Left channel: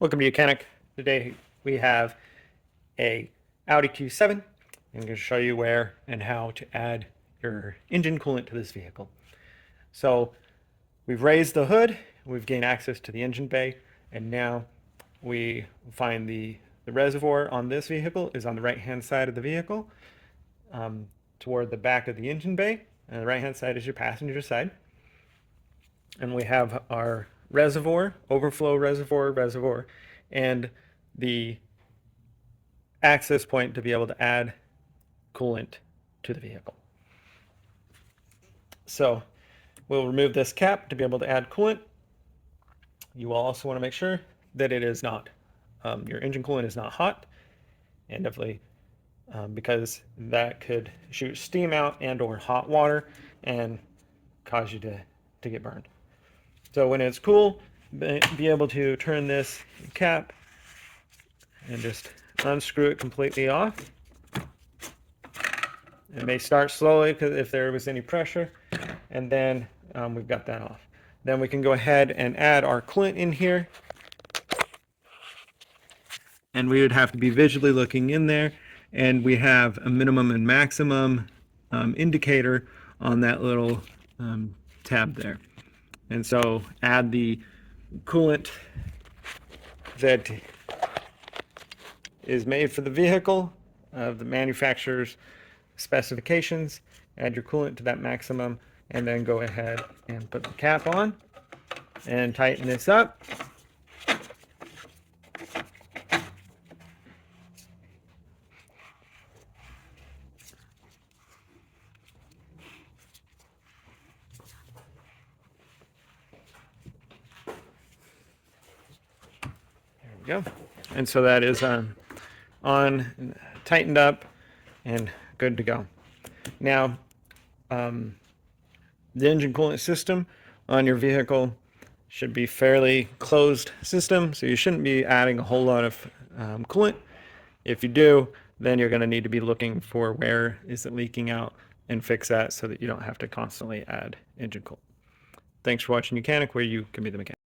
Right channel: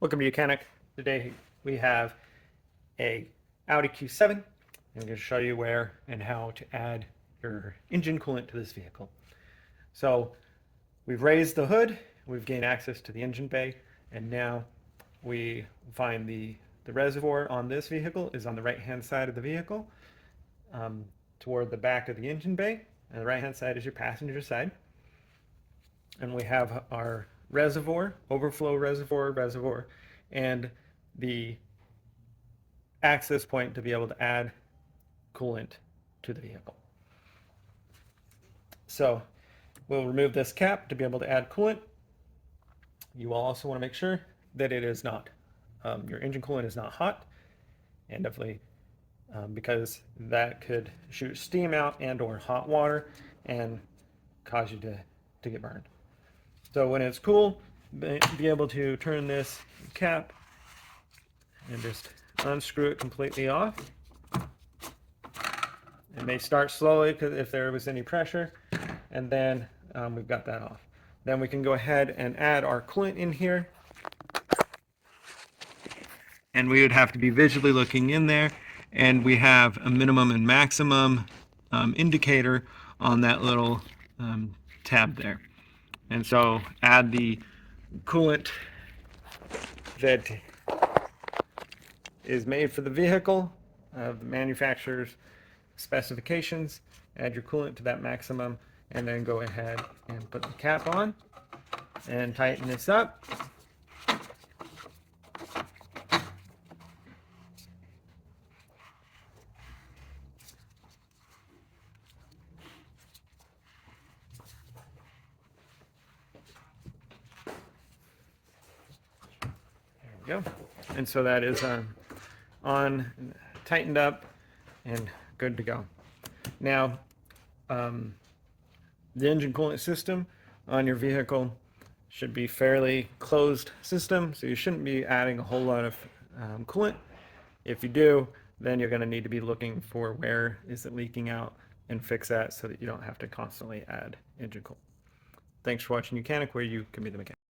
Welcome to Mechanic. Today we have a Audi Q7. I'm going to show you where and how to add your engine coolant to this vehicle. So we've raised the hood, we've gained access to the engine bay, and now we find the reservoir on this vehicle is on the right hand side of the vehicle, toward the back of the engine bay, and the right hand side is your passenger side. And we have our reservoir, overflow reservoir, and the access point to be able to add coolant to the vehicle. So we'll remove this cap to be able to add coolant. You will also want to make sure that it is not, your engine coolant is not hot, and definitely because that could shoot steam out and or hot water and cause you to get burned. So when it's cool, be able to turn this cap and just unscrew it completely off. It may start slowly because if there was any pressure, and then we've got that off. Then we can go ahead and add our coolant in here. And we would have to be visually looking in there, and we have a minimum and maximum indicator on that little tab there. And so add the coolant that is made for the vehicle, the manufacturer's specifications. Add your coolant to that maximum, and then go ahead and put the cap on and tighten this up. Go. And so that is on, tightened up, and good to go. Now, the engine coolant system on your vehicle should be fairly closed system, so you shouldn't be adding a whole lot of coolant. If you do, then you're going to need to be looking for where is it leaking out and fix that so that you don't have to constantly add engine coolant. Thanks for watching Mechanic, where you can be the mechanic.